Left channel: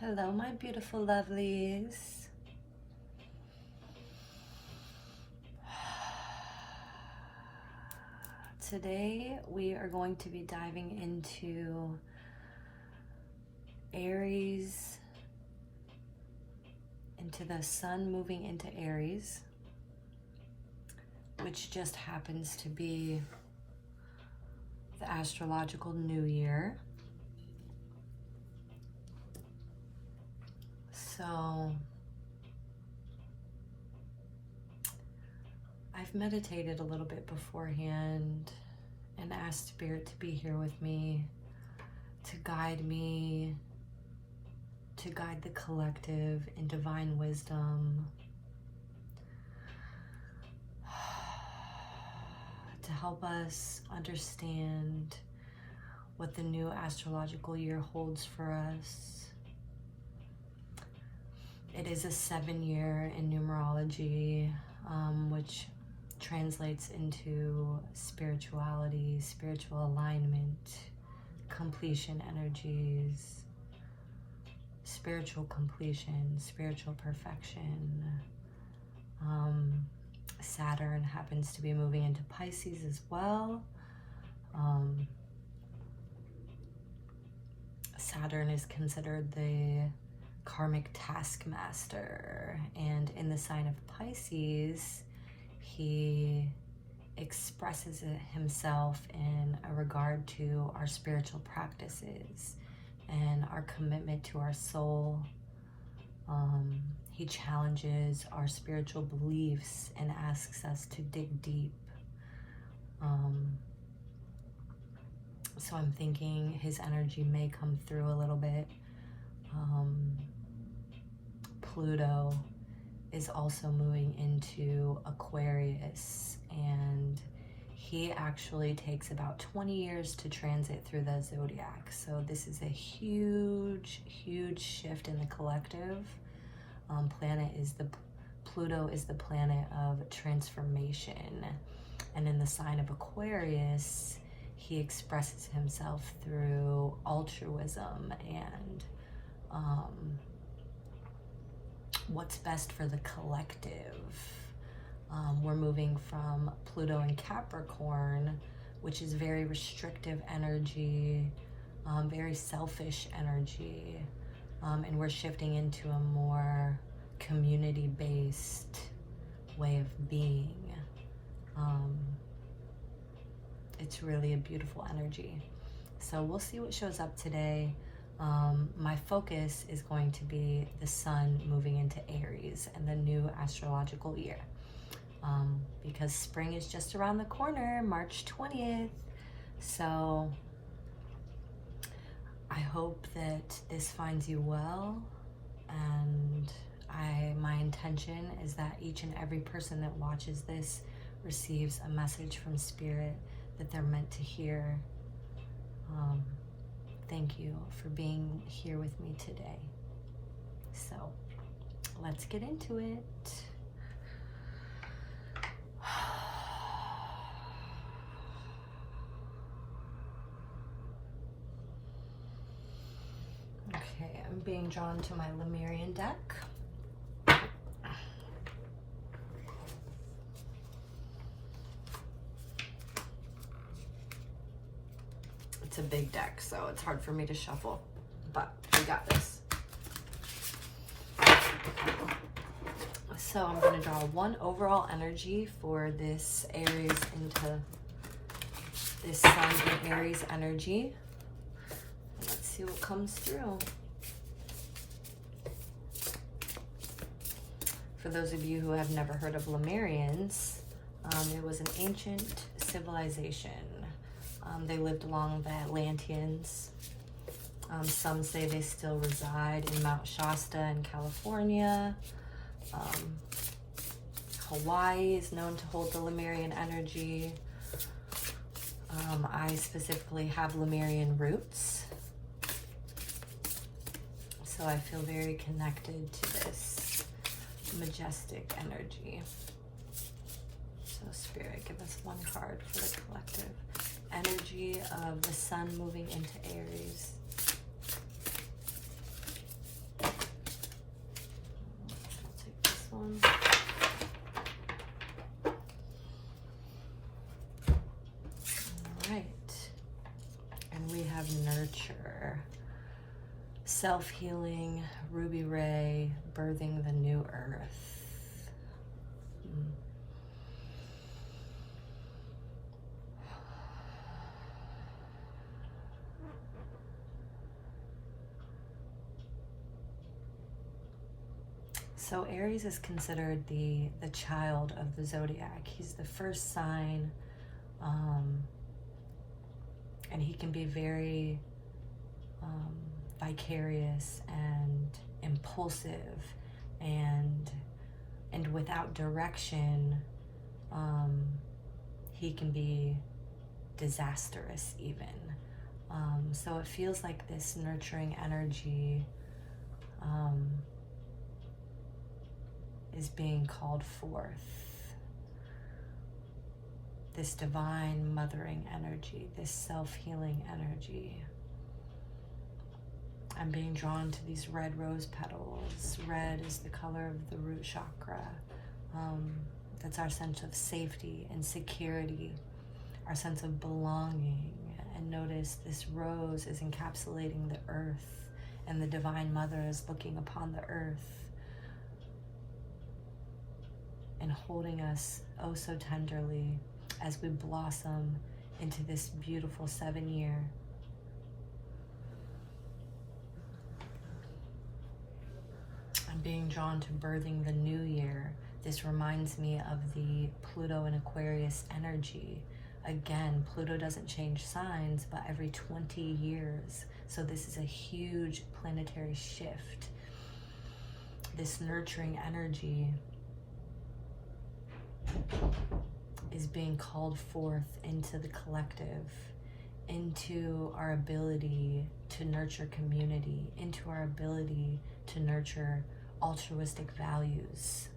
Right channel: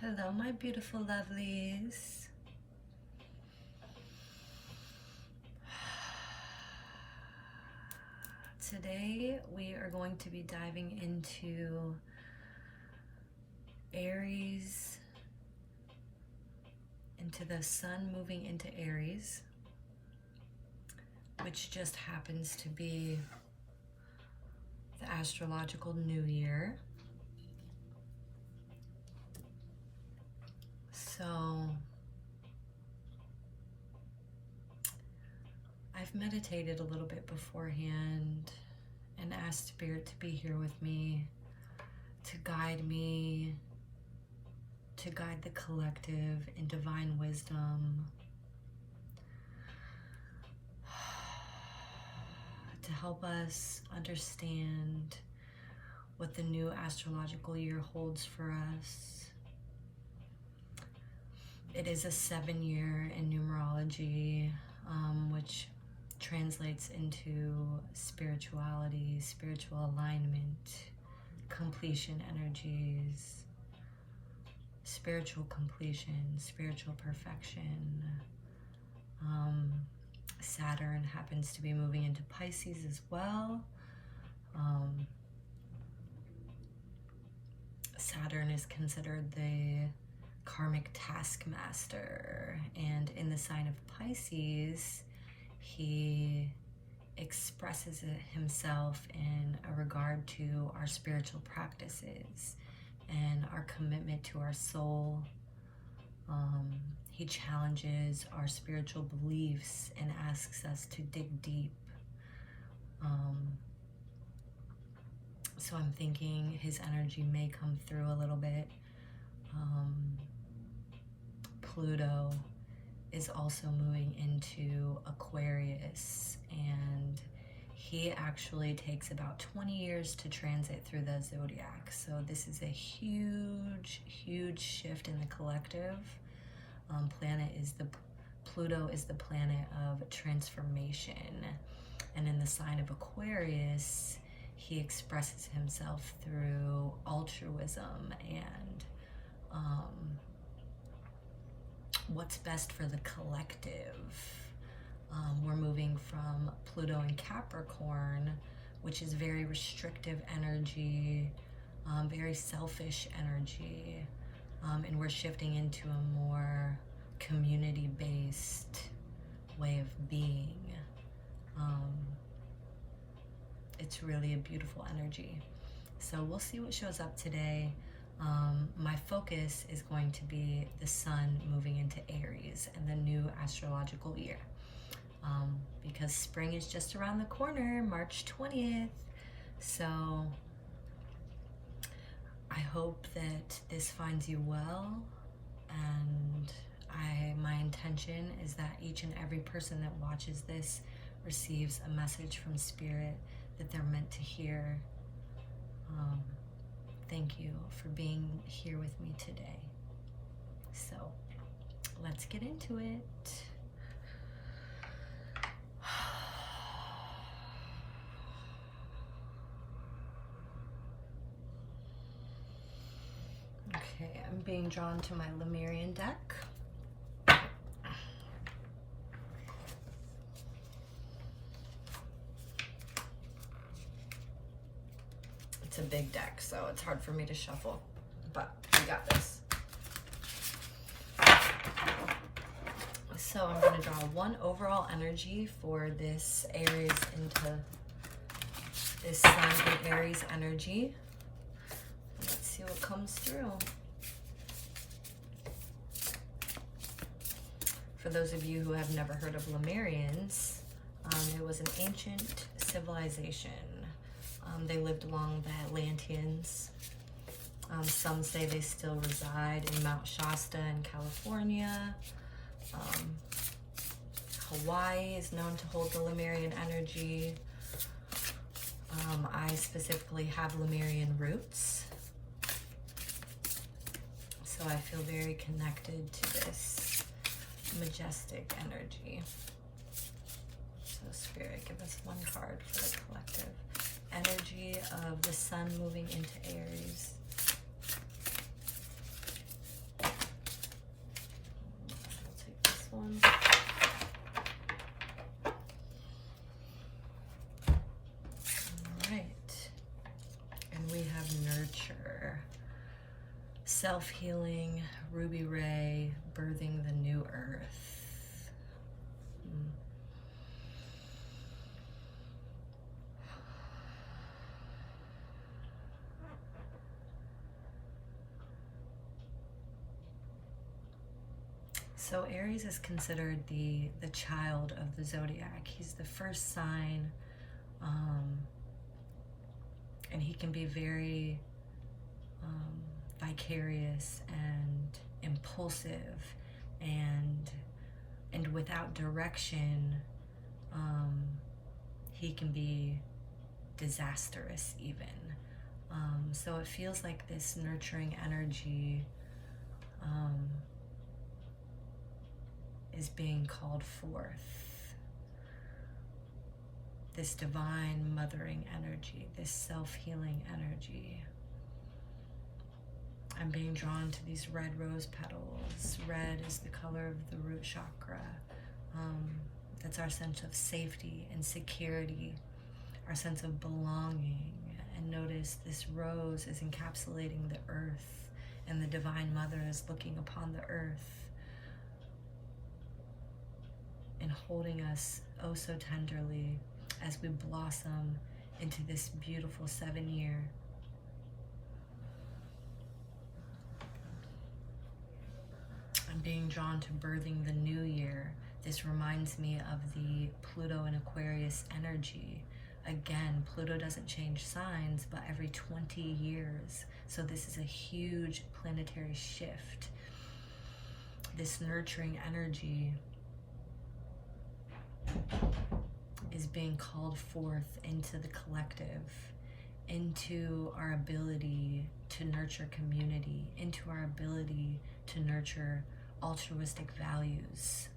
Hello, my beautiful lovelies. Today we are going to be diving into Aries, into the sun moving into Aries, which just happens to be the astrological new year. So I've meditated a little bit beforehand and asked Spirit to be here with me, to guide the collective in divine wisdom, to help us understand what the new astrological year holds for us. It is a 7-year in numerology, which translates into spirituality, spiritual alignment, completion energies, spiritual completion, spiritual perfection. Saturn happens to be moving into Pisces as well. Saturn is considered the karmic taskmaster, and in the sign of Pisces, he expresses himself in a regard to our spiritual practices and our commitment to our soul. He challenges our spiritual beliefs and asks us to dig deep. So I'm thinking his energy may come through a little bit. Pluto is also moving into Aquarius, and he actually takes about 20 years to transit through the zodiac. So this is a huge shift in the collective. Pluto is the planet of transformation, and in the sign of Aquarius, he expresses himself through altruism and what's best for the collective. We're moving from Pluto and Capricorn, which is very restrictive energy, very selfish energy, and we're shifting into a more community-based way of being. It's really a beautiful energy. So we'll see what shows up today. My focus is going to be the sun moving into Aries and the new astrological year, because spring is just around the corner, March 20th. So I hope that this finds you well, and my intention is that each and every person that watches this receives a message from Spirit that they're meant to hear. Thank you for being here with me today. So let's get into it. Okay, I'm being drawn to my Lemurian deck. It's a big deck, so it's hard for me to shuffle, but we got this. So I'm going to draw one overall energy for this Aries into this Sun in Aries energy. Let's see what comes through. For those of you who have never heard of Lemurians, it was an ancient civilization. They lived along the Atlanteans. Some say they still reside in Mount Shasta in California. Hawaii is known to hold the Lemurian energy. I specifically have Lemurian roots, so I feel very connected to this majestic energy. So Spirit, give us one card for the collective. Energy of the sun moving into Aries. have nurture. Self-healing, ruby ray, birthing the new earth. So Aries is considered the child of the zodiac. He's the first sign, and he can be very vicarious and impulsive and without direction. He can be disastrous even. So it feels like this nurturing energy is being called forth. This divine mothering energy, this self-healing energy. I'm being drawn to these red rose petals. Red is the color of the root chakra. That's our sense of safety and security, our sense of belonging. And notice this rose is encapsulating the earth, and the Divine Mother is looking upon the earth and holding us oh so tenderly as we blossom into this beautiful 7-year. I'm being drawn to birthing the new year. This reminds me of the Pluto and Aquarius energy. Again, Pluto doesn't change signs, but every 20 years. So this is a huge planetary shift. This nurturing energy is being called forth into the collective, into our ability to nurture community, into our ability to nurture altruistic values.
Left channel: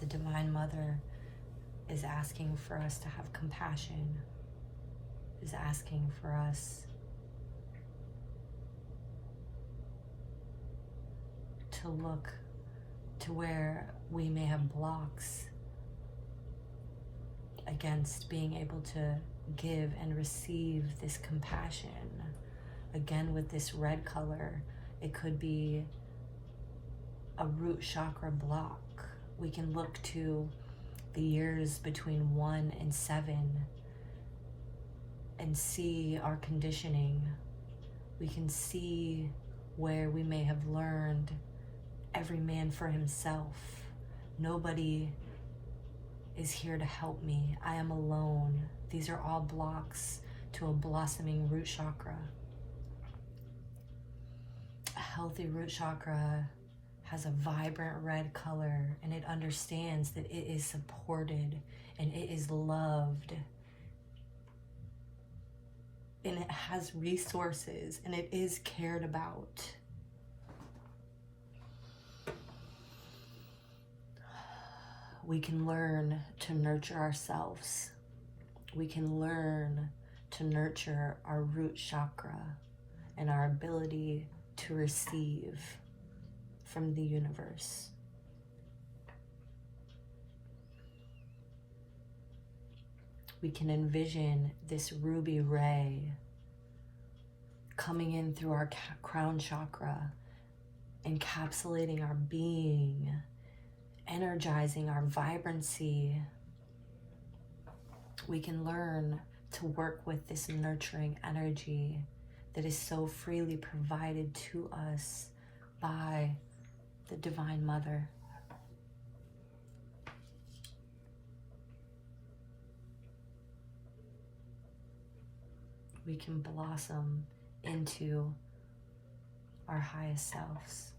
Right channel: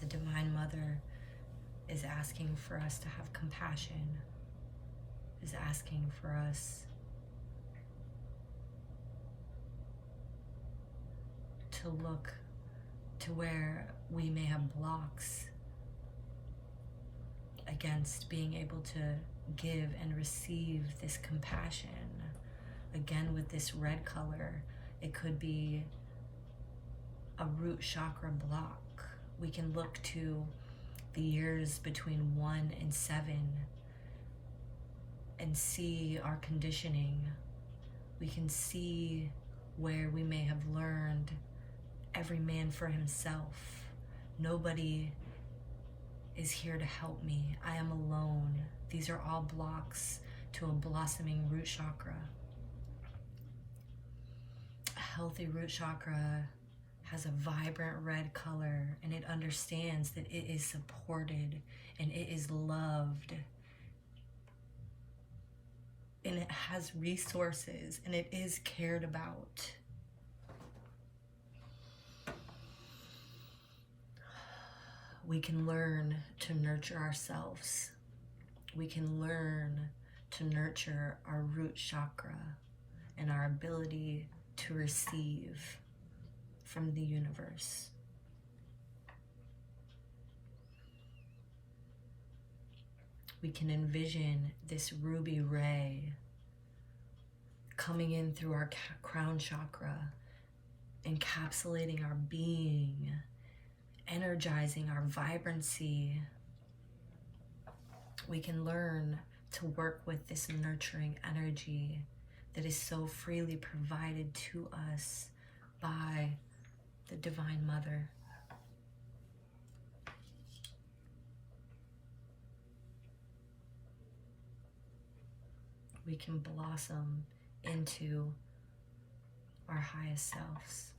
The Divine Mother is asking for us to have compassion, is asking for us to look to where we may have blocks against being able to give and receive this compassion. Again, with this red color, it could be a root chakra block. We can look to the years between 1 and 7 and see our conditioning. We can see where we may have learned every man for himself. Nobody is here to help me. I am alone. These are all blocks to a blossoming root chakra. A healthy root chakra has a vibrant red color, and it understands that it is supported and it is loved. And it has resources and it is cared about. We can learn to nurture ourselves. We can learn to nurture our root chakra and our ability to receive from the universe. We can envision this ruby ray coming in through our crown chakra, encapsulating our being, energizing our vibrancy. We can learn to work with this nurturing energy that is so freely provided to us by the Divine Mother. We can blossom into our highest selves.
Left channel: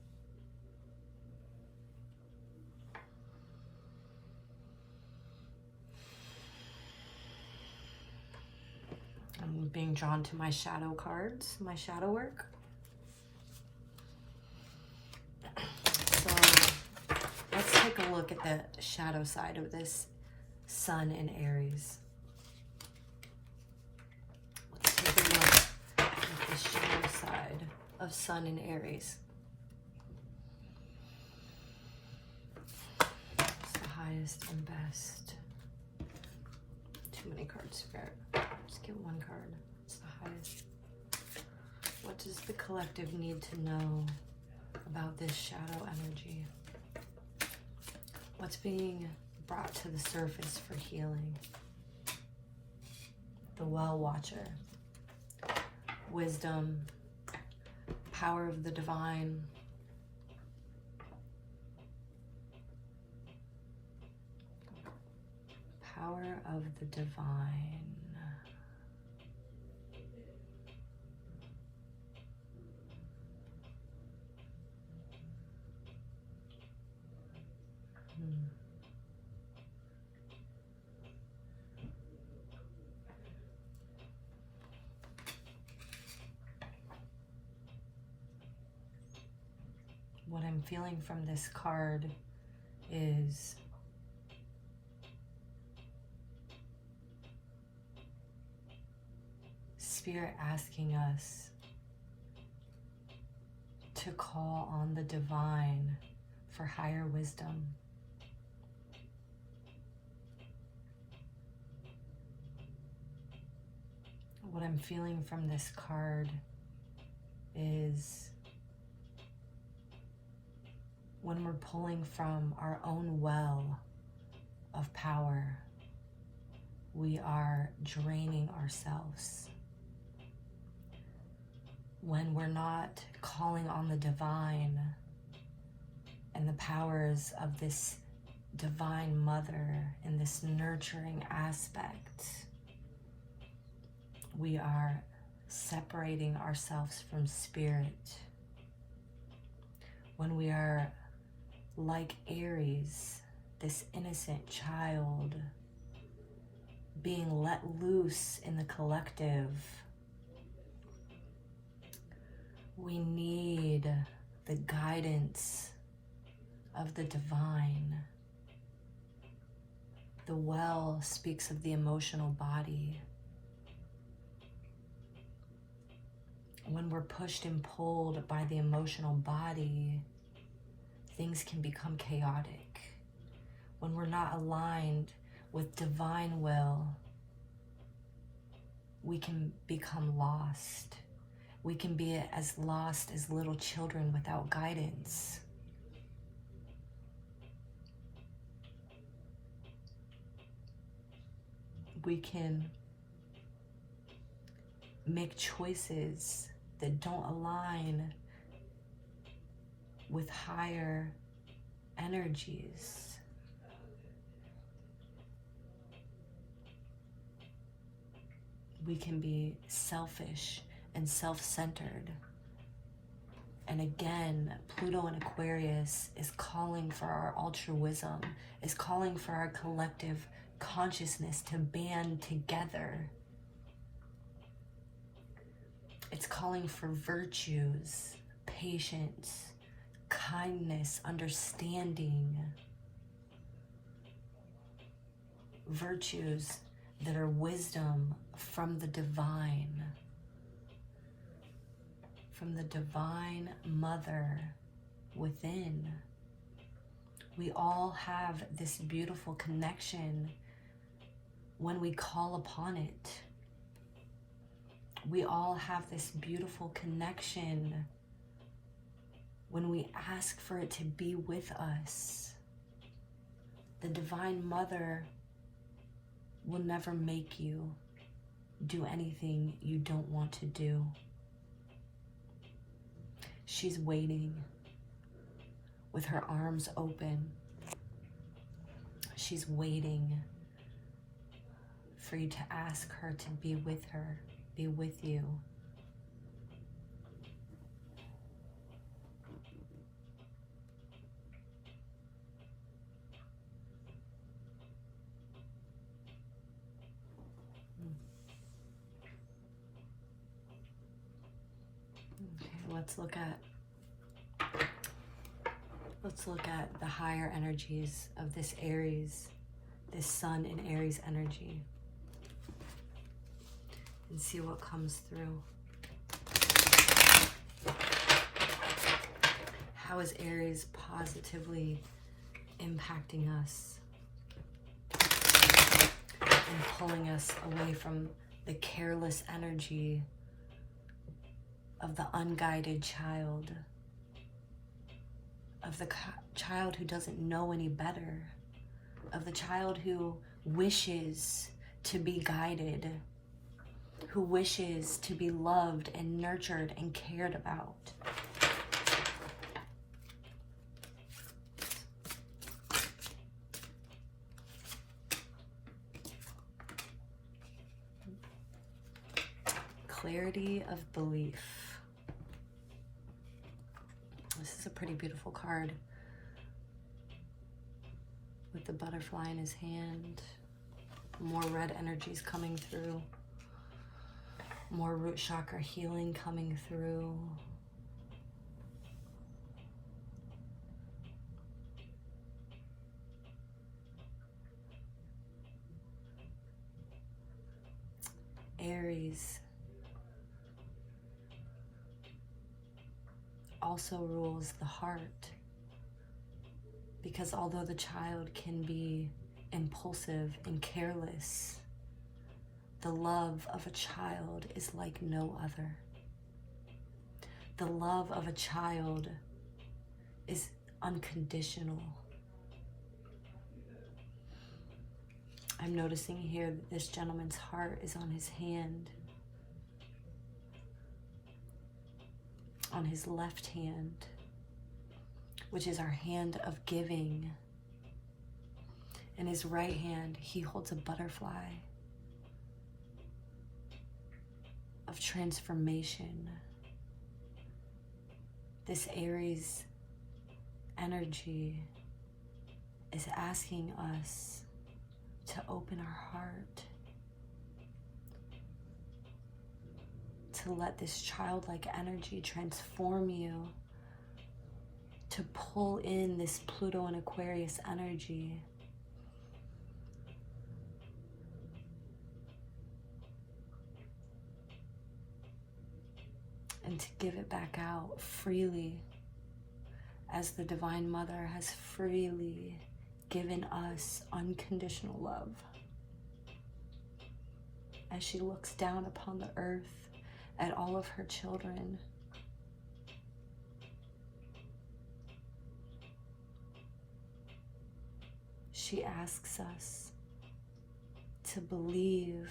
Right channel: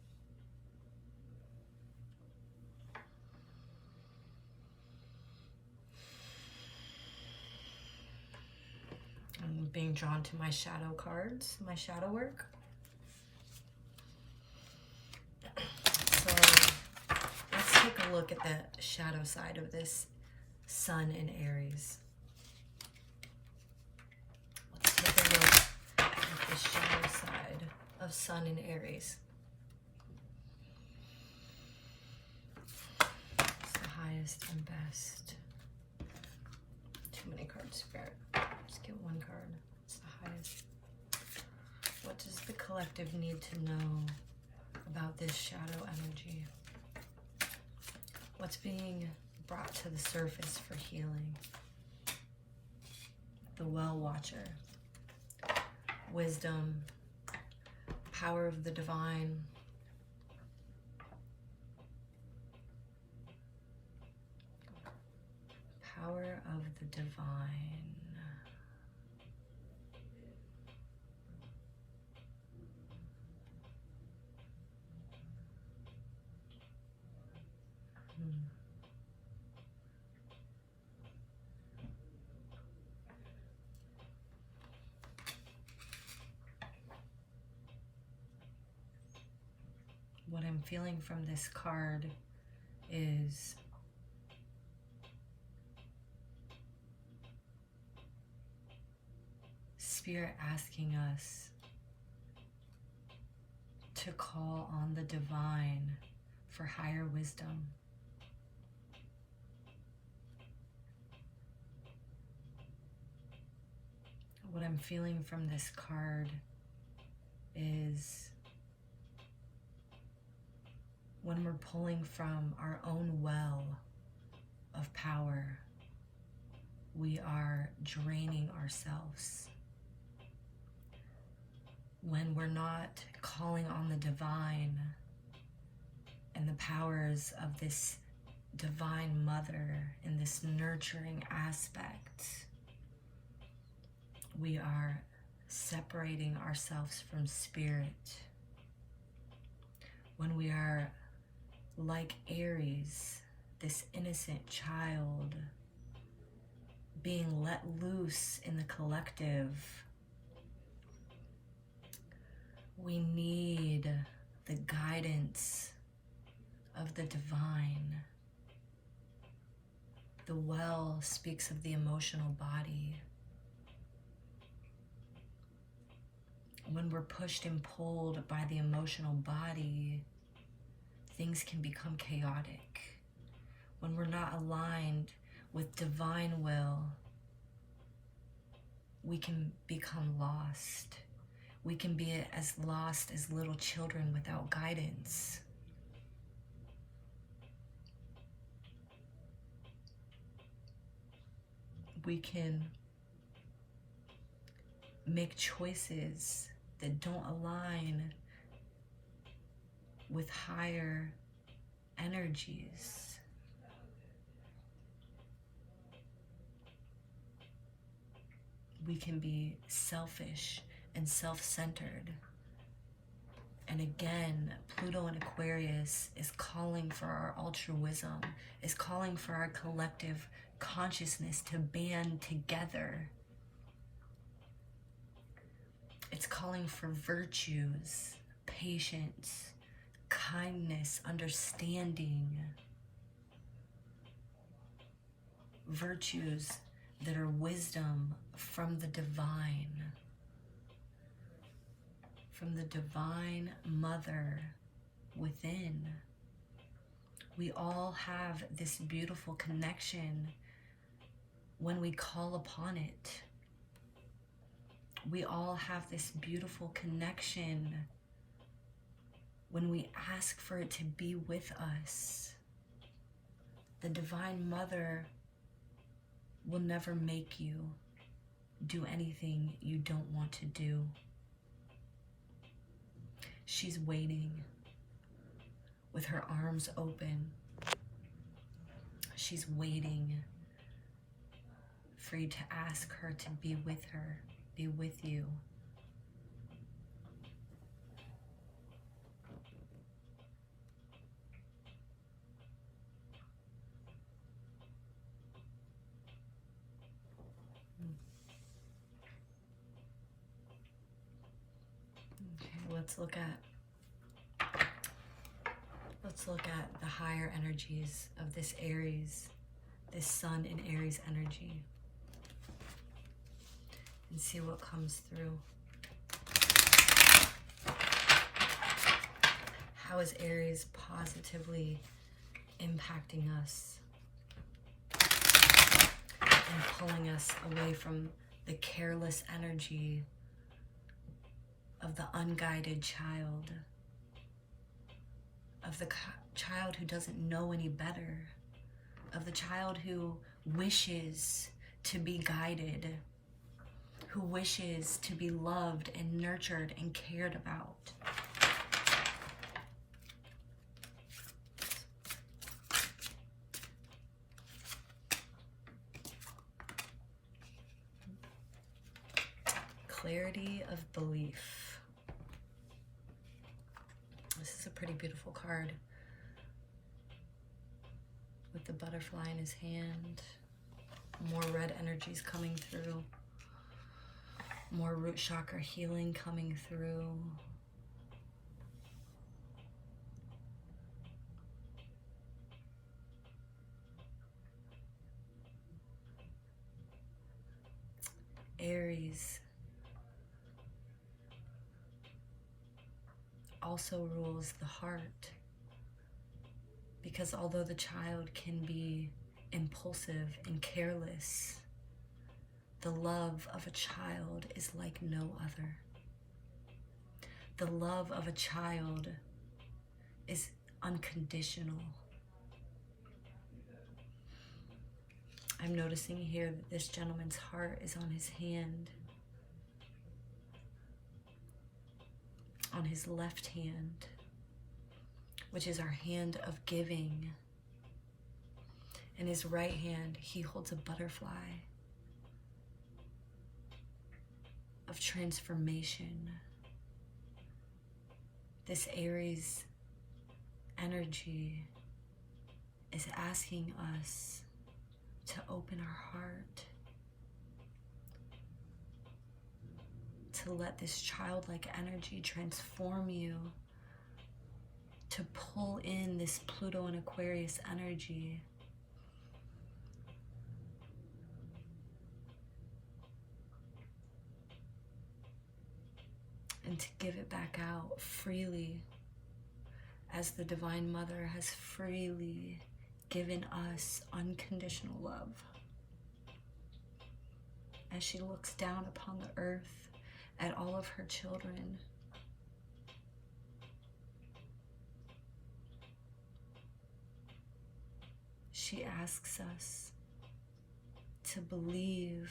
I'm being drawn to my shadow cards, my shadow work. So let's take a look at the shadow side of this Sun in Aries. Let's take a look at the shadow side of Sun in Aries. It's the highest card, Spirit. Just get one card. It's the highest. What does the collective need to know about this shadow energy? What's being brought to the surface for healing? The Well Watcher. Wisdom. Power of the divine. Power of the divine. What I'm feeling from this card is Spirit asking us to call on the divine for higher wisdom. What I'm feeling from this card is when we're pulling from our own well of power, we are draining ourselves. When we're not calling on the divine and the powers of this divine mother and this nurturing aspect, we are separating ourselves from spirit. When we are like Aries, this innocent child being let loose in the collective, we need the guidance of the divine. The well speaks of the emotional body. When we're pushed and pulled by the emotional body, things can become chaotic. When we're not aligned with divine will, we can become lost. We can be as lost as little children without guidance. We can make choices that don't align with higher energies. We can be selfish and self-centered. And again, Pluto in Aquarius is calling for our altruism, is calling for our collective consciousness to band together. It's calling for virtues, patience, kindness, understanding. Virtues that are wisdom from the divine mother within. We all have this beautiful connection when we call upon it. We all have this beautiful connection when we ask for it to be with us. The Divine Mother will never make you do anything you don't want to do. She's waiting with her arms open. She's waiting for you to ask her to be with her, be with you. Let's look at the higher energies of this Aries, this Sun in Aries energy, and see what comes through. How is Aries positively impacting us and pulling us away from the careless energy of the unguided child, of the child who doesn't know any better, of the child who wishes to be guided, who wishes to be loved and nurtured and cared about. Clarity of belief. This is a pretty beautiful card with the butterfly in his hand. More red energies coming through. More root chakra healing coming through. Aries also rules the heart, because although the child can be impulsive and careless, the love of a child is like no other. The love of a child is unconditional. I'm noticing here that this gentleman's heart is on his hand, on his left hand, which is our hand of giving. In his right hand, he holds a butterfly of transformation. This Aries energy is asking us to open our heart, to let this childlike energy transform you, to pull in this Pluto and Aquarius energy. And to give it back out freely, as the Divine Mother has freely given us unconditional love. As she looks down upon the earth at all of her children, she asks us to believe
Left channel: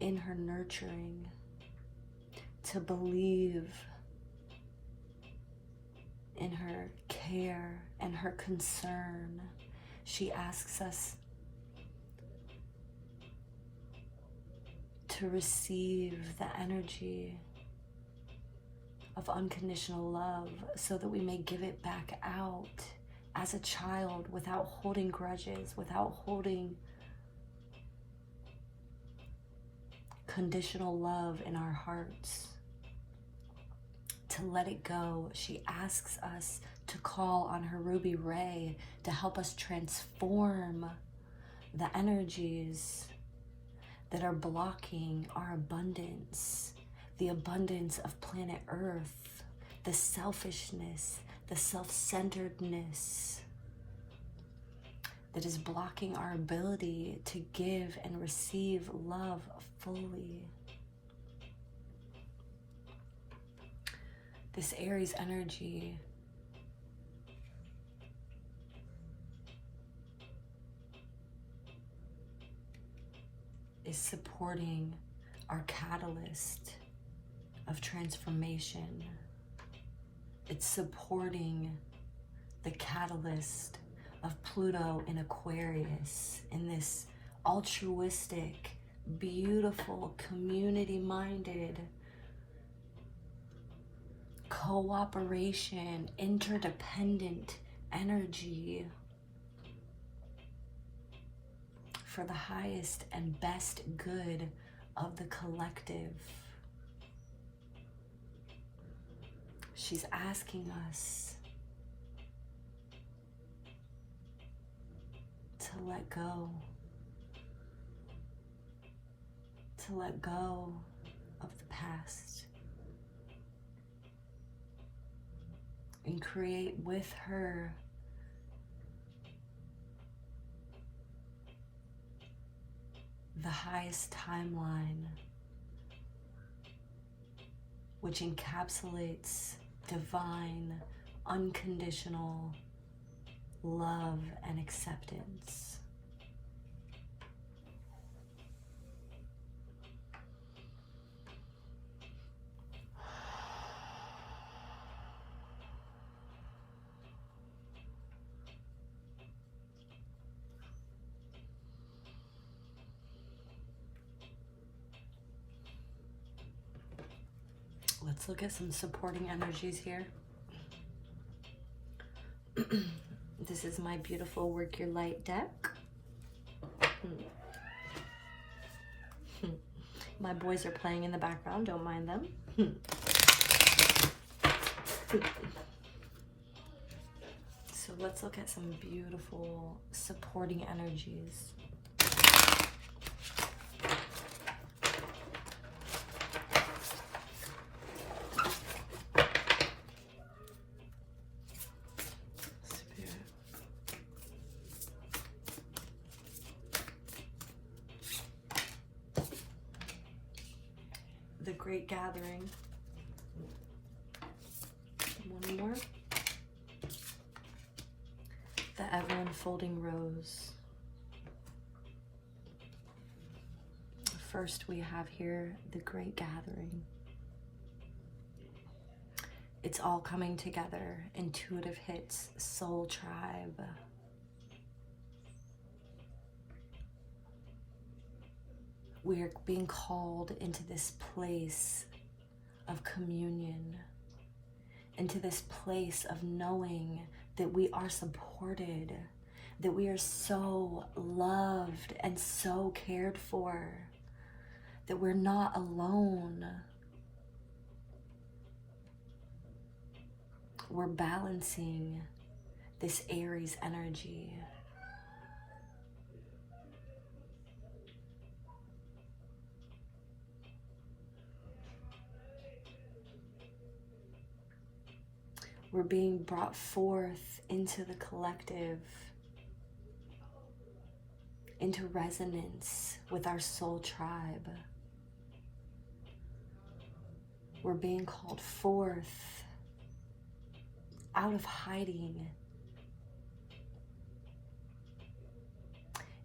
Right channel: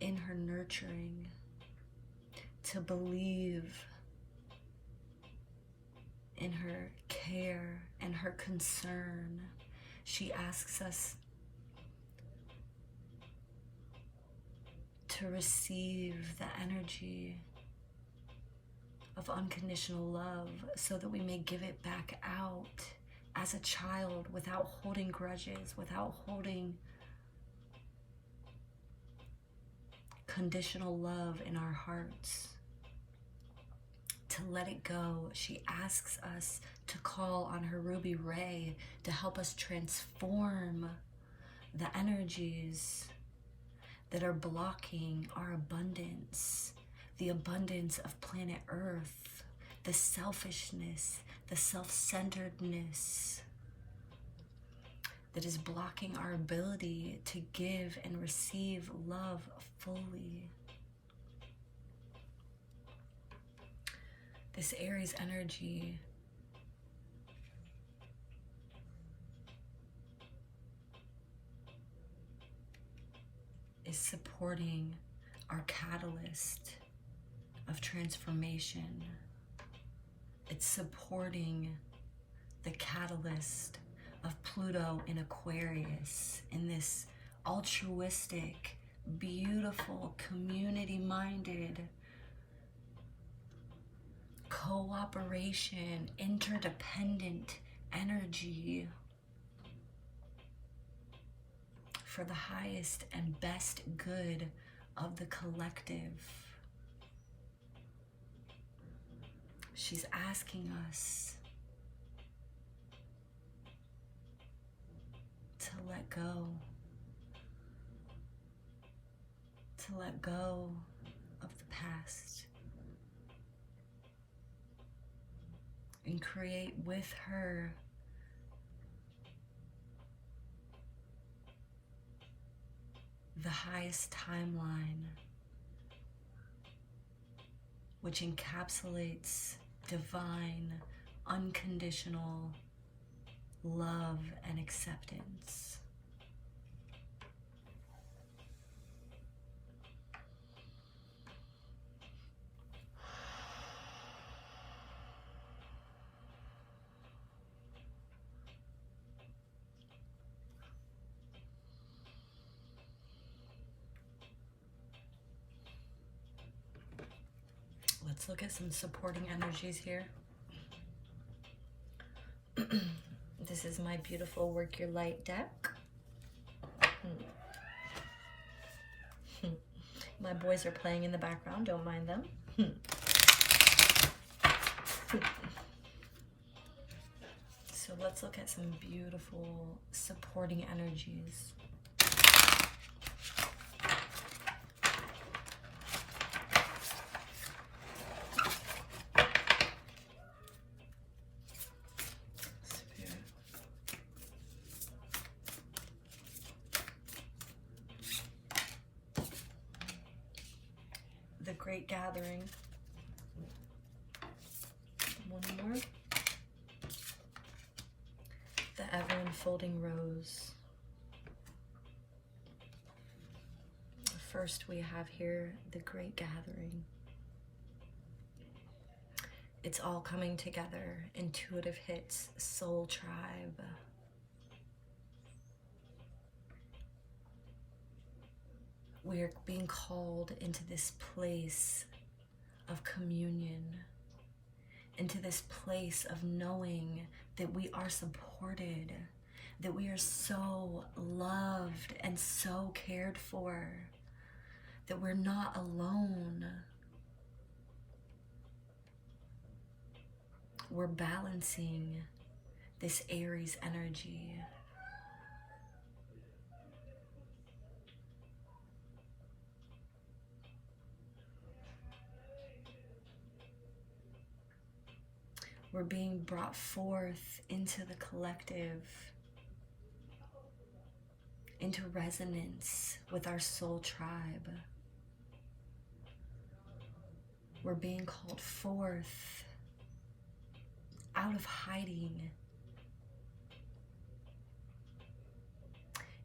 in her nurturing, to believe in her care and her concern. She asks us to receive the energy of unconditional love so that we may give it back out as a child without holding grudges, without holding conditional love in our hearts. To let it go, she asks us to call on her ruby ray to help us transform the energies that are blocking our abundance, the abundance of planet Earth, the selfishness, the self-centeredness that is blocking our ability to give and receive love fully. This Aries energy is supporting our catalyst of transformation. It's supporting the catalyst of Pluto in Aquarius in this altruistic, beautiful, community-minded, cooperation, interdependent energy for the highest and best good of the collective. She's asking us to let go, of the past and create with her the highest timeline, which encapsulates divine, unconditional love and acceptance. Let's look at some supporting energies here. This is my beautiful Work Your Light deck. My boys are playing in the background, don't mind them. So let's look at some beautiful supporting energies. The Great Gathering. One more. The Ever-Unfolding Rose. First we have here the Great Gathering. It's all coming together. Intuitive hits, soul tribe. We are being called into this place of communion, into this place of knowing that we are supported, that we are so loved and so cared for, that we're not alone. We're balancing this Aries energy. We're being brought forth into the collective, into resonance with our soul tribe. We're being called forth out of hiding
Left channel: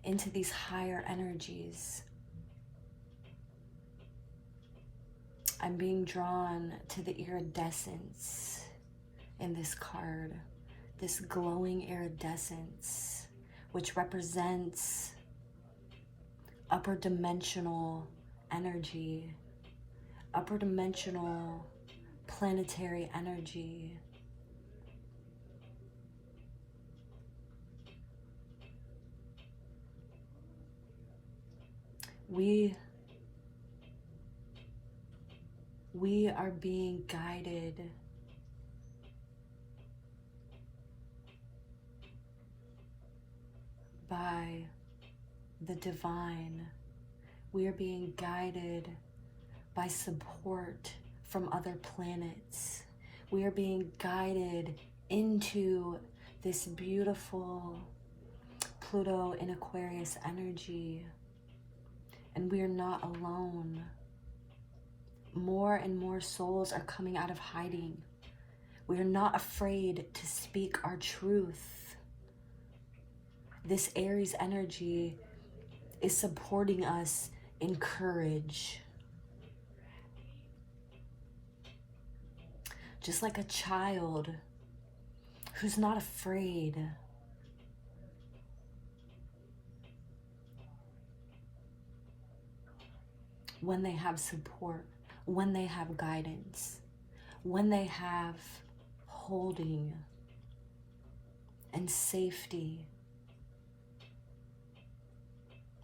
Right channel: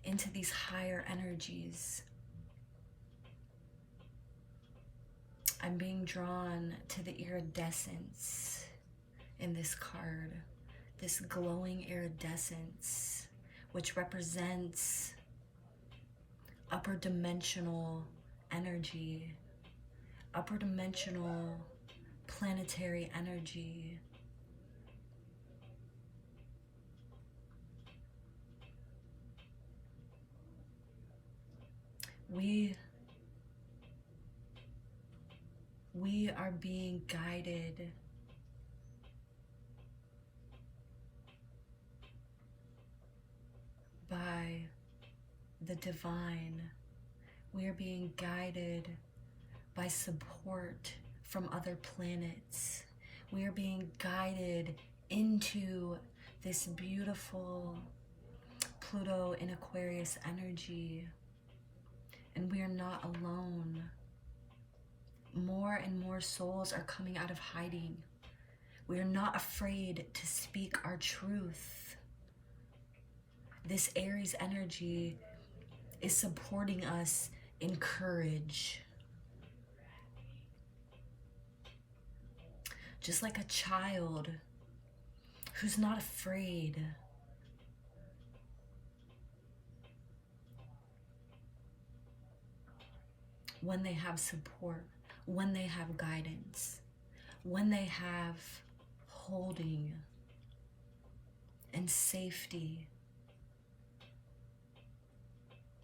into these higher energies. I'm being drawn to the iridescence in this card, this glowing iridescence, which represents upper dimensional energy, upper dimensional planetary energy. We are being guided by the divine. We are being guided by support from other planets. We are being guided into this beautiful Pluto in Aquarius energy. And we are not alone. More and more souls are coming out of hiding. We are not afraid to speak our truth. This Aries energy is supporting us in courage. Just like a child who's not afraid. When they have support, when they have guidance, when they have holding and safety,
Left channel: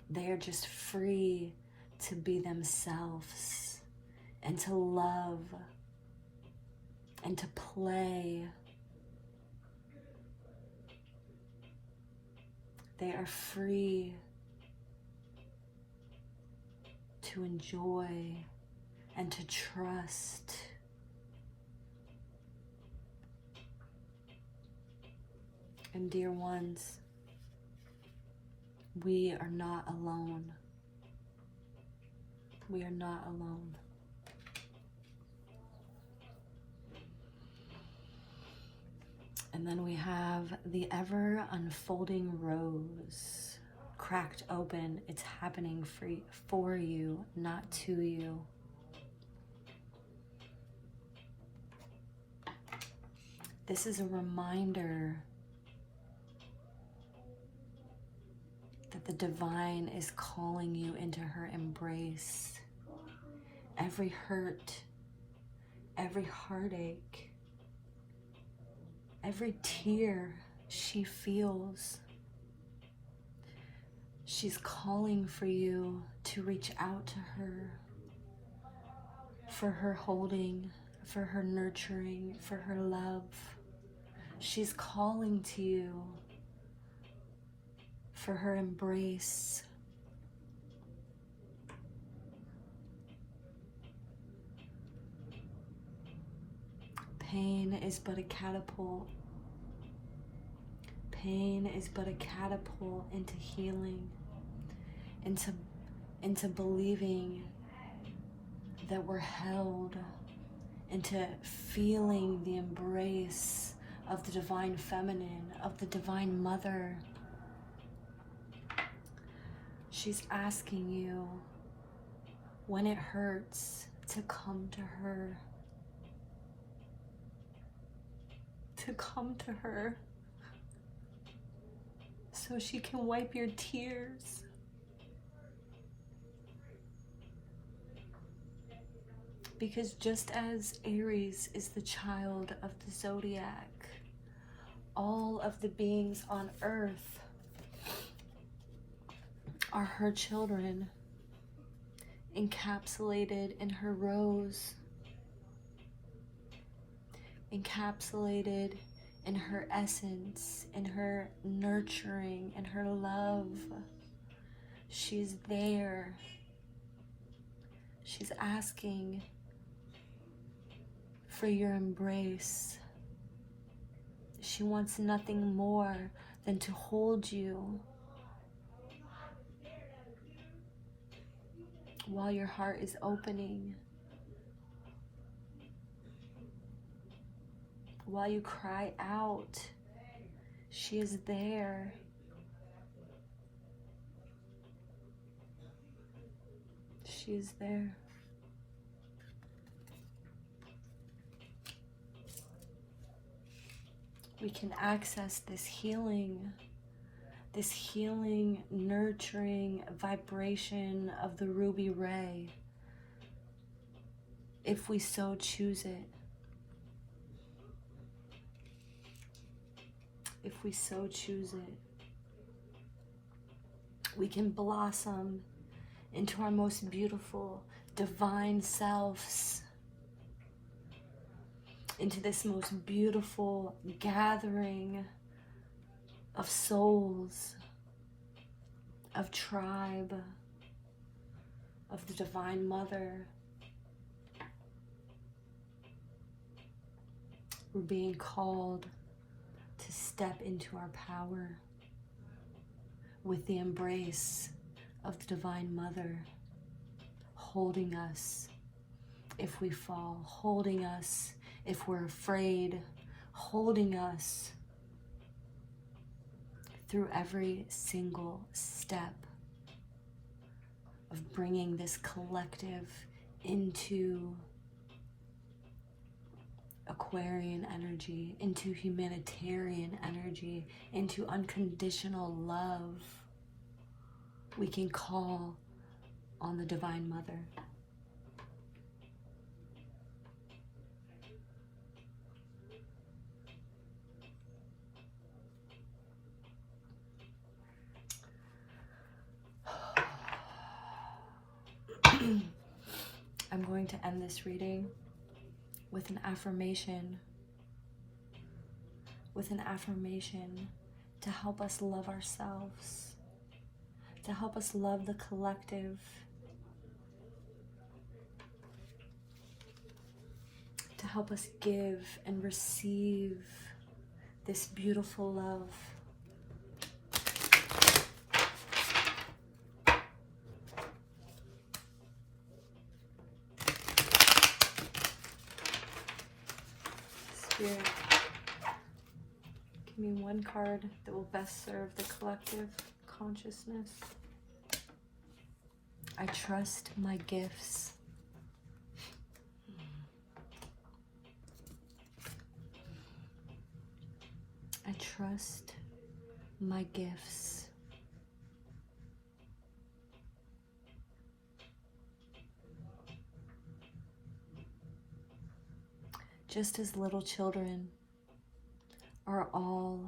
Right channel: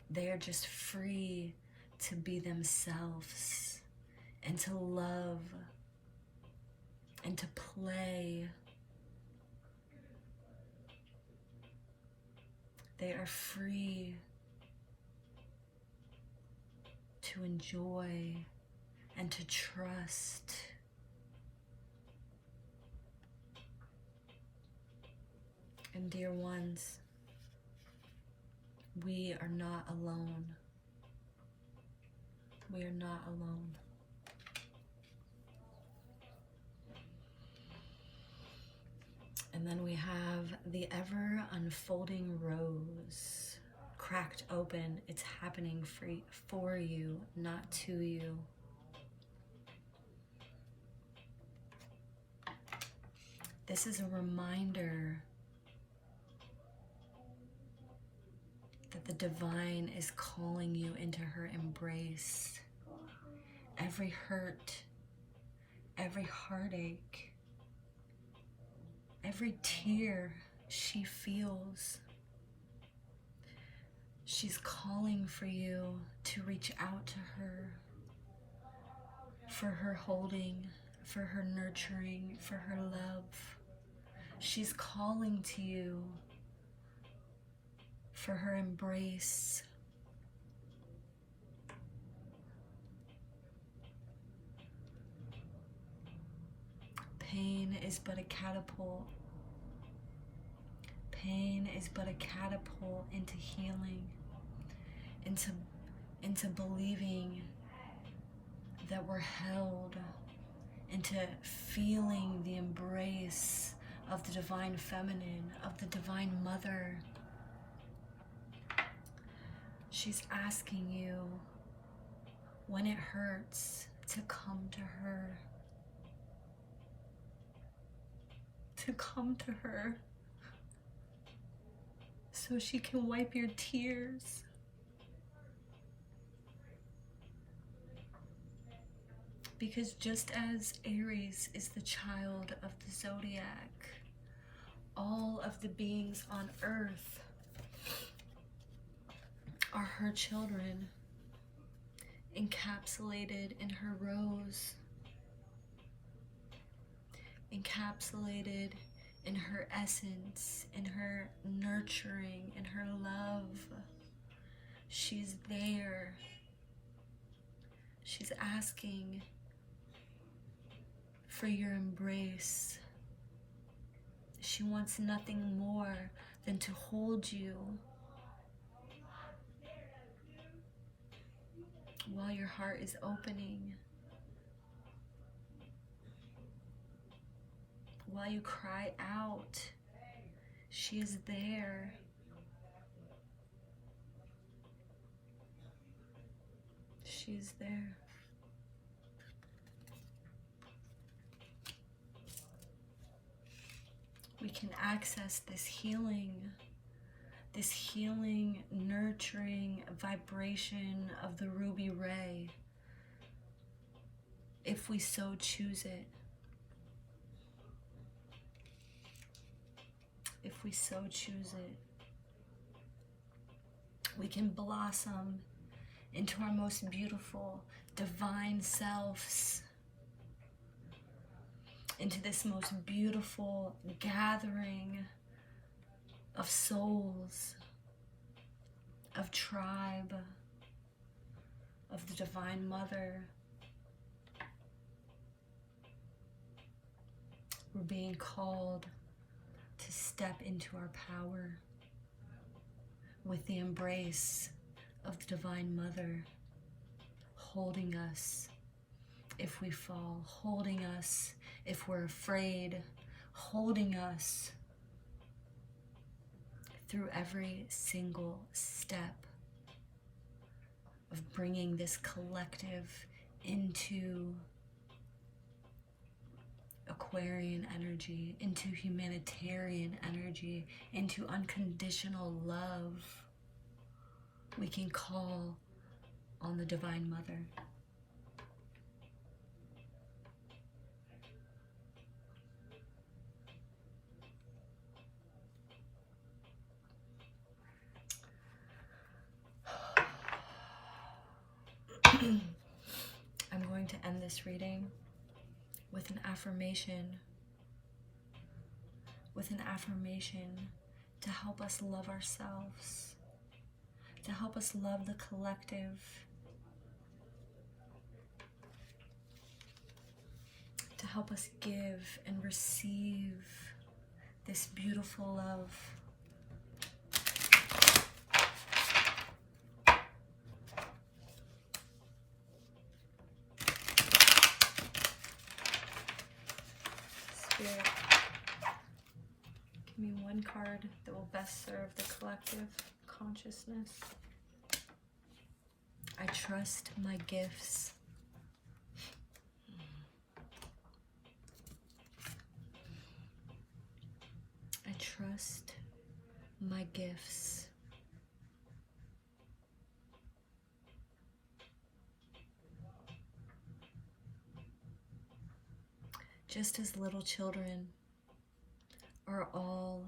they are just free to be themselves and to love and to play. They are free to enjoy and to trust. And dear ones, we are not alone. We are not alone. And then we have the ever unfolding rose, cracked open. It's happening for you, not to you. This is a reminder that the divine is calling you into her embrace. Every hurt, every heartache, every tear she feels, she's calling for you to reach out to her, for her holding, for her nurturing, for her love. She's calling to you for her embrace. Pain is but a catapult. Pain is but a catapult into healing, into believing that we're held, into feeling the embrace of the divine feminine, of the divine mother. She's asking you, when it hurts, to come to her. To come to her so she can wipe your tears. Because just as Aries is the child of the zodiac, all of the beings on earth are her children, encapsulated in her rose, encapsulated in her essence, in her nurturing, in her love. She's there. She's asking for your embrace. She wants nothing more than to hold you while your heart is opening, while you cry out. She is there. She is there. We can access this healing, nurturing vibration of the ruby ray, if we so choose it. If we so choose it, we can blossom into our most beautiful divine selves, into this most beautiful gathering of souls, of tribe, of the Divine Mother. We're being called to step into our power with the embrace of the Divine Mother, holding us if we fall, holding us if we're afraid, holding us through every single step of bringing this collective into Aquarian energy, into humanitarian energy, into unconditional love. We can call on the Divine Mother. I'm going to end this reading with an affirmation to help us love ourselves, to help us love the collective, to help us give and receive this beautiful love. you. Give me one card that will best serve the collective consciousness. I trust my gifts. I trust my gifts. Just as little children are all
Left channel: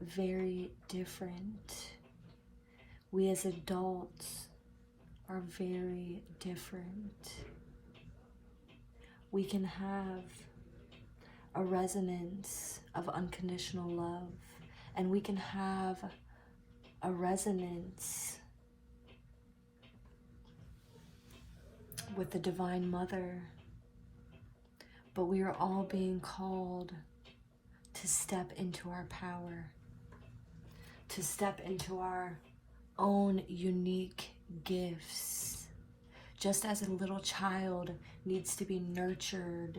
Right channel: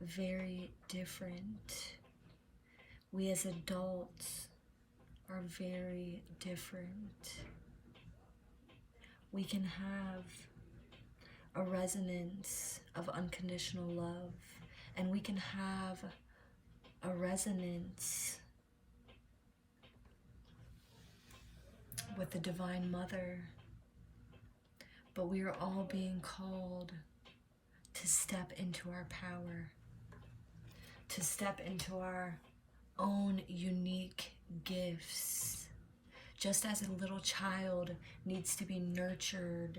very different, we as adults are very different. We can have a resonance of unconditional love, and we can have a resonance with the Divine Mother, but we are all being called to step into our power, to step into our own unique gifts. Just as a little child needs to be nurtured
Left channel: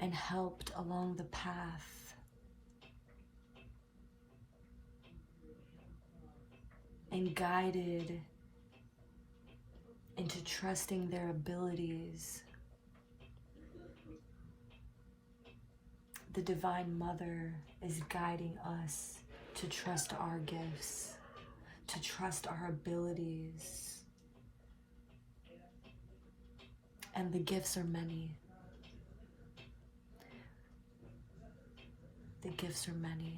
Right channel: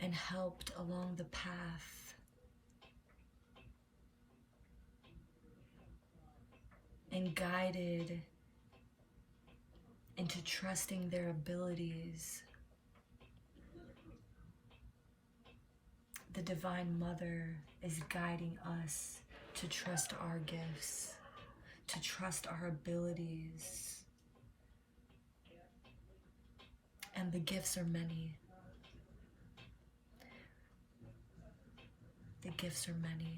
and helped along the path, and guided into trusting their abilities, the Divine Mother is guiding us to trust our gifts, to trust our abilities. And the gifts are many. The gifts are many.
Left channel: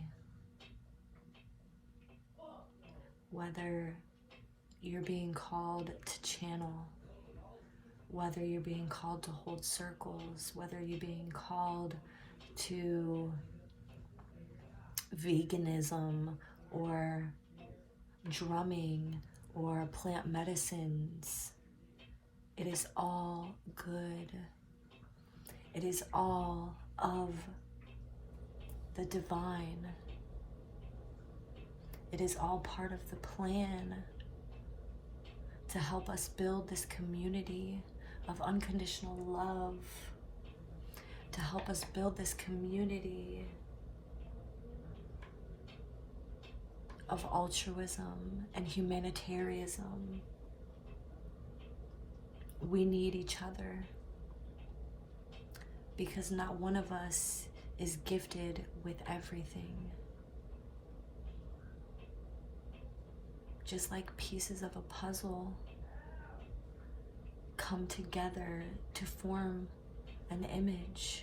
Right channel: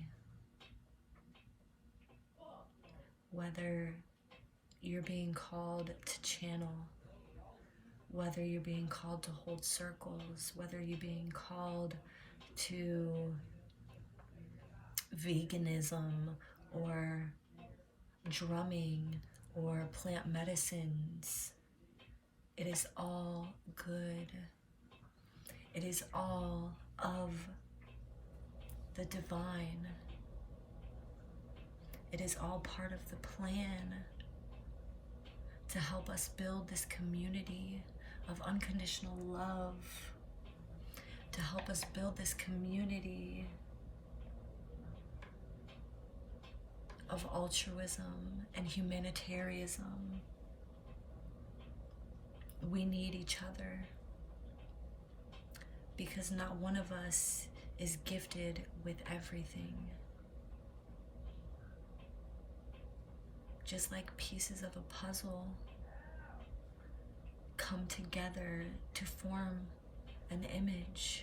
Whether you're being called to channel, whether you're being called to hold circles, whether you're being called to veganism or drumming or plant medicines, it is all good. It is all of the divine. It is all part of the plan to help us build this community of unconditional love, to help us build this community of altruism and humanitarianism. We need each other because not one of us is gifted with everything. Just like pieces of a puzzle come together to form an image,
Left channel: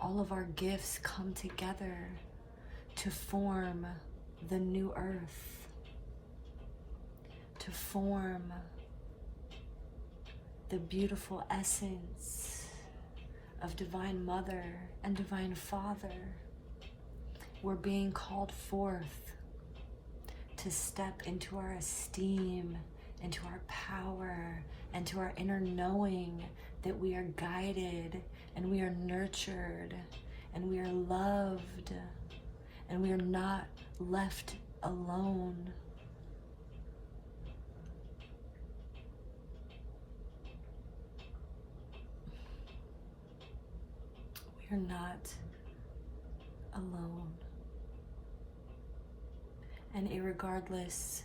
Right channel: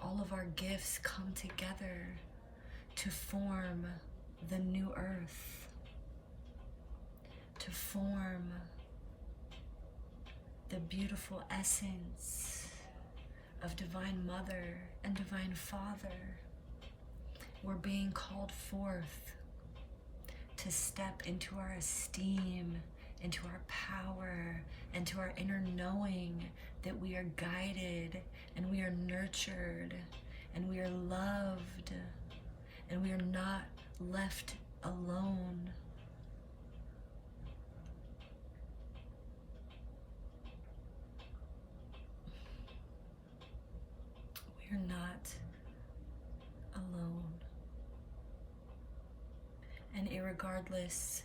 all of our gifts come together to form the new earth, to form the beautiful essence of Divine Mother and Divine Father. We're being called forth to step into our esteem, into our power, and to our inner knowing that we are guided and we are nurtured and we are loved and we are not left alone. We are not alone. And irregardless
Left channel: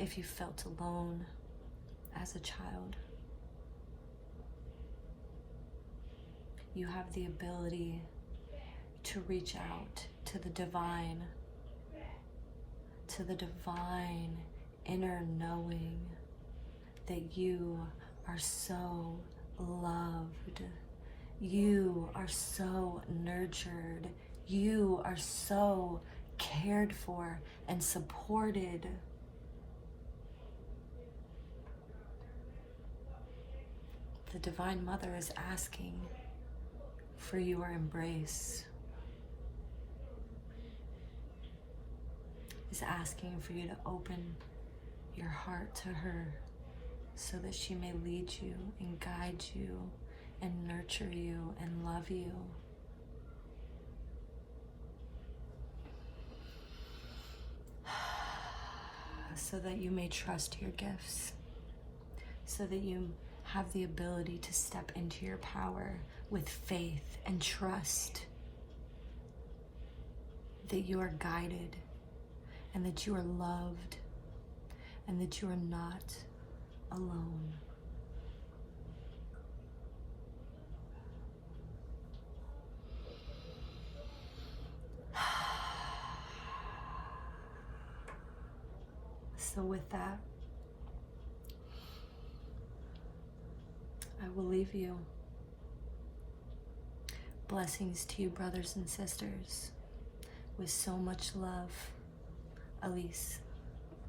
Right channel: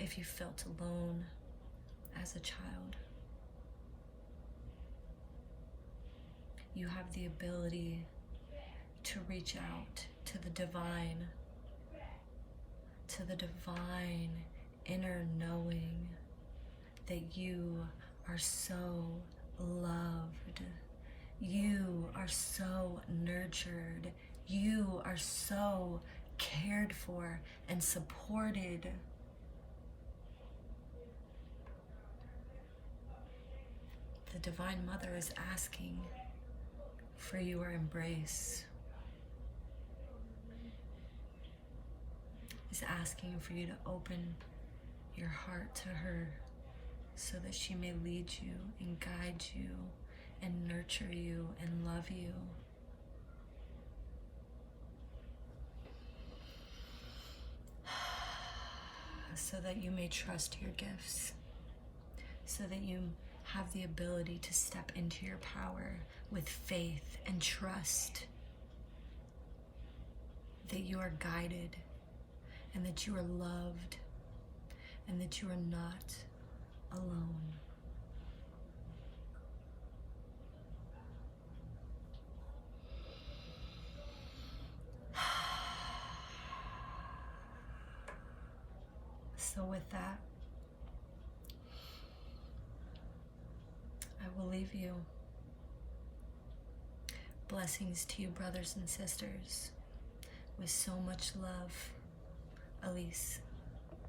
if you felt alone as a child, you have the ability to reach out to the divine inner knowing that you are so loved, you are so nurtured, you are so cared for and supported. The Divine Mother is asking for your embrace, is asking for you to open your heart to her so that she may lead you and guide you and nurture you and love you. So that you may trust your gifts, so that you have the ability to step into your power with faith and trust that you are guided and that you are loved and that you are not alone. So with that, I will leave you. Blessings to you, brothers and sisters. With so much love, Elise.